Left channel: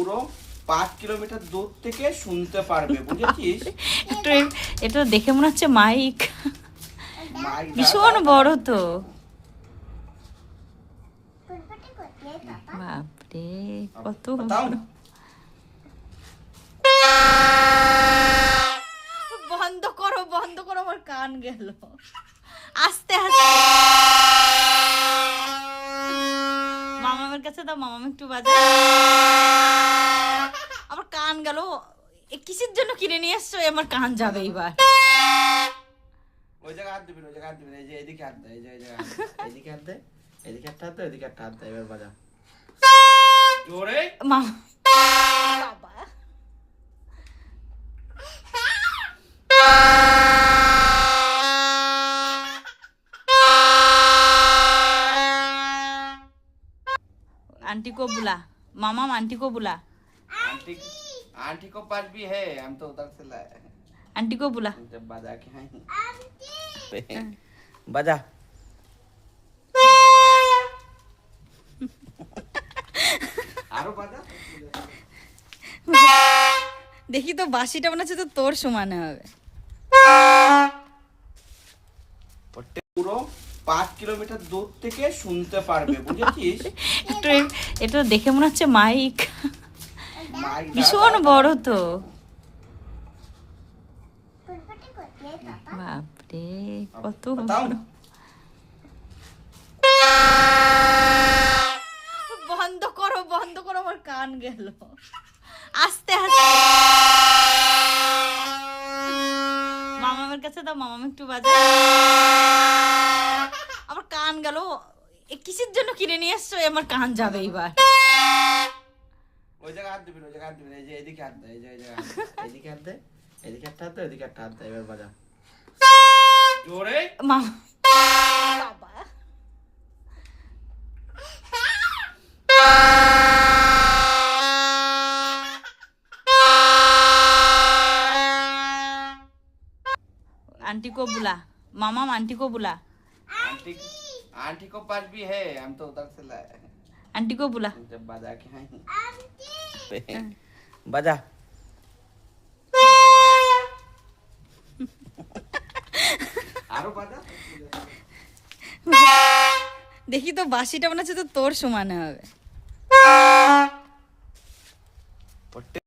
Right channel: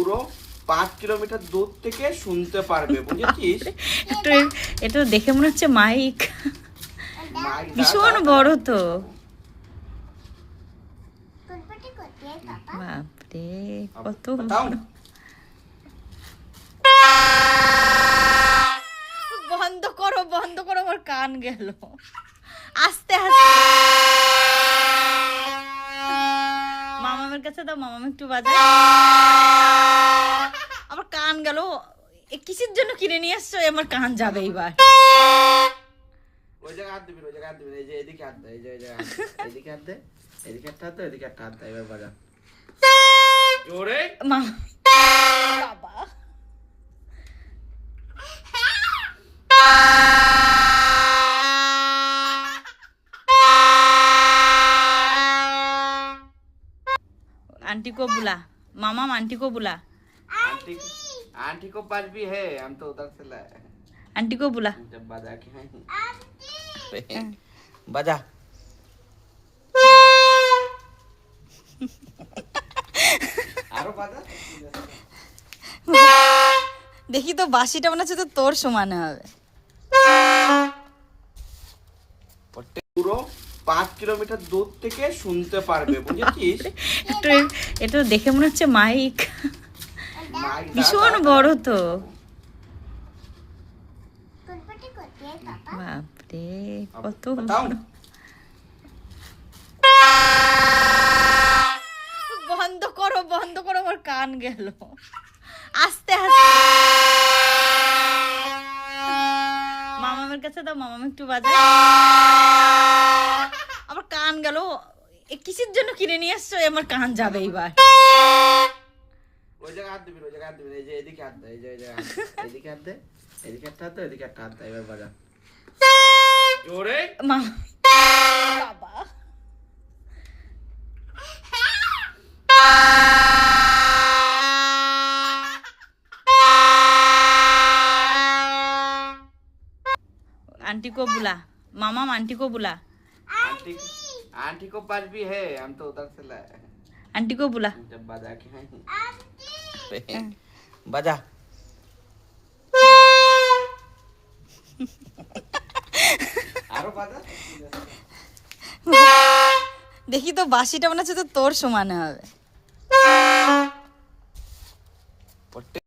পুরো 5 কিলোমিটার দূর থেকে শুনতে পারবে, বুঝেছিস? একটু এটা দেখে মনে হচ্ছে মাইক ভীষণ বড় তো। বাপরে কত বড়। বন্ধ করো বন্ধ করো, আমার কান গেল। আস্তে আস্তে মামামের কাছে দাও, মামাম একটু বাজা। আমার কান গেল। কিসের জন্য কিনে নিয়ে আসছো? আমার কান যাবে এবার। ওই জায়গা হাত দিবি, ওই জায়গা হাত দিবি, এই যে এদিকে হাত দে, এই যে এদিকে হাত দে, এদিকে একটা হাত দে, এদিকে একটা হাত দে, এবার বাজা জোরে। মামা বাবা आंटी को बुला, मामा आंटी को बुला। आंटी आंटी को पास भी है, हम तो उधर से लाए। आंटी को बुला। जब बाजा के हैं बाजा। আরো বাজা। দেখি তো বাঁশিটা মনে হচ্ছে তো তোর সমানে হবে। পুরো 5 কিলোমিটার দূর থেকে শুনতে পারবে, বুঝেছিস? একটু এটা দেখে মনে হচ্ছে মাইক ভীষণ বড় তো। বাপরে কত বড়। বন্ধ করো বন্ধ করো, আমার কান গেল। আস্তে আস্তে মামামের কাছে দাও, মামাম একটু বাজা। আমার কান গেল। কিসের জন্য কিনে নিয়ে আসছো? আমার কান যাবে এবার। ওই জায়গা হাত দিবি, ওই জায়গা হাত দিবি, এই যে এদিকে হাত দে, এই যে এদিকে হাত দে, এদিকে একটা হাত দে, এদিকে একটা হাত দে, এবার বাজা জোরে। মামা বাবা आंटी को बुला, मामा आंटी को बुला। आंटी आंटी को पास भी है, हम तो उधर से लाए। आंटी को बुला। जब बाजा के हैं बाजा। আরো বাজা। দেখি তো বাঁশিটা মনে হচ্ছে তো তোর সমানে হবে।